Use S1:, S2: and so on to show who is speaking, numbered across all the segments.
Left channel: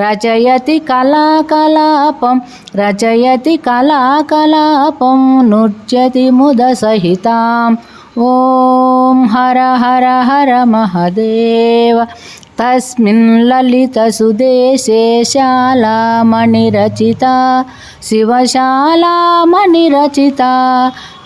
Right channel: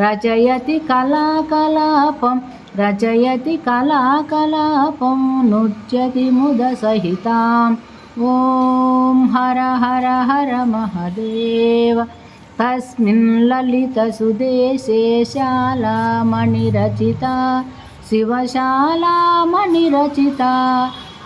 S1: रचयति कलाकलापं रचयति कलाकलापं नृत्यति मुदसहिताम् ॐ हर हर हर महदेव तस्मिन् ललितसुदेशे शालामणिरचिता शिवशालामणिरचिता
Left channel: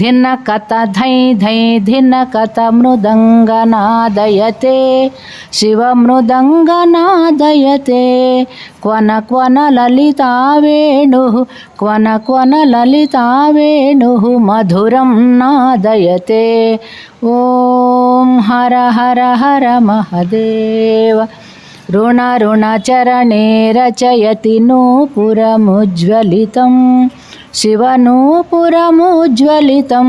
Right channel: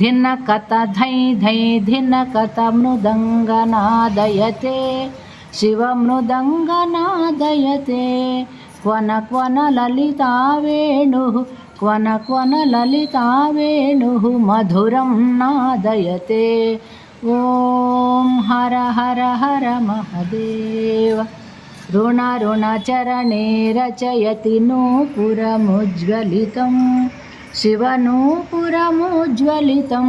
S1: धिनकत धै धै धिनकत मृदङ्गनादयते शिवमृदङ्गनादयते क्वन क्वन ललिता वेणुः क्वन क्वन ललिता वेणुः मधुरं नादयते ॐ हर हर हर महदेव ऋणऋणचरणे रचयति नूपुरमुज्ज्वलितं शिवनूपुरमुज्ज्वलितं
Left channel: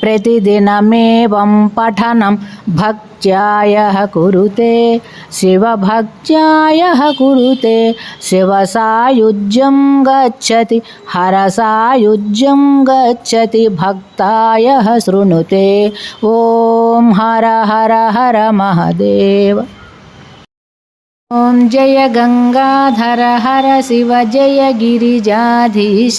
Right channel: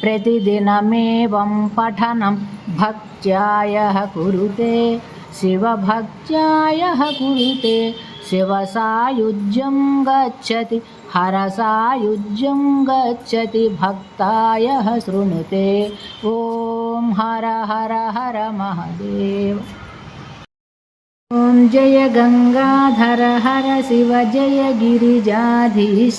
S1: प्रतिदिनमेवं पठनं भक्त्यायः कुरुते, शिवभक्त्यायः कुरुते, शिवसायुज्यं गच्छति, हरसायुज्यं गच्छति, भक्तायः शृणुते। ॐ हर हर हर महदेव। ॐ जय गङ्गाधर हर शिव, जय गिरिजाधीश।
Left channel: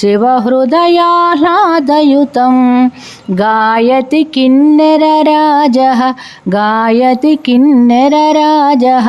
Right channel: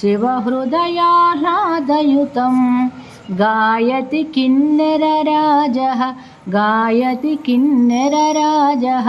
S1: शिवहृदयाह्लादयुतं गायति किन्नरराजः गायति किन्नरराजः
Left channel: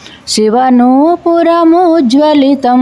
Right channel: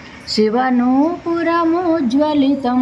S1: శివనూపురముజ్వలితం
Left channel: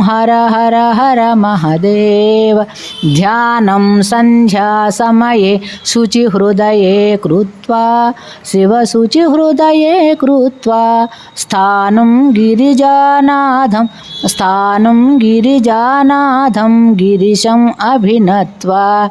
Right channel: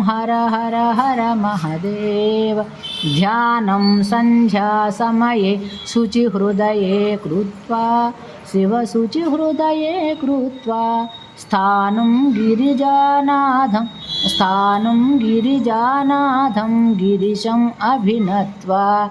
S1: हर हर हर महदेव। ध्यानं सन्ध्यासमये शुचिहृदये कृत्वा शिवशुचिहृदये कृत्वा, स्थानं गिरिजानाथं स्थानं गिरिजानाथं गिरिशम् अभिनत्वा।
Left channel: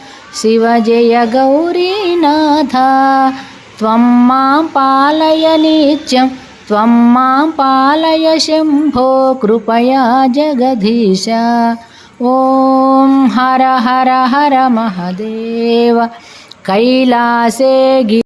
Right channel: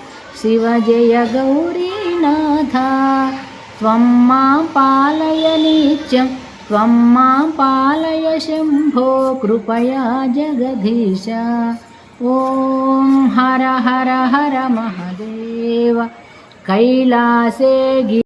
S1: శివజయ గౌరీనాథ త్వం మా పాలయ నిత్యం త్వం మా పాలయ శంభో కృపయా జగదీశ ఓం హర హర హర మహదేవ కైలాసే గి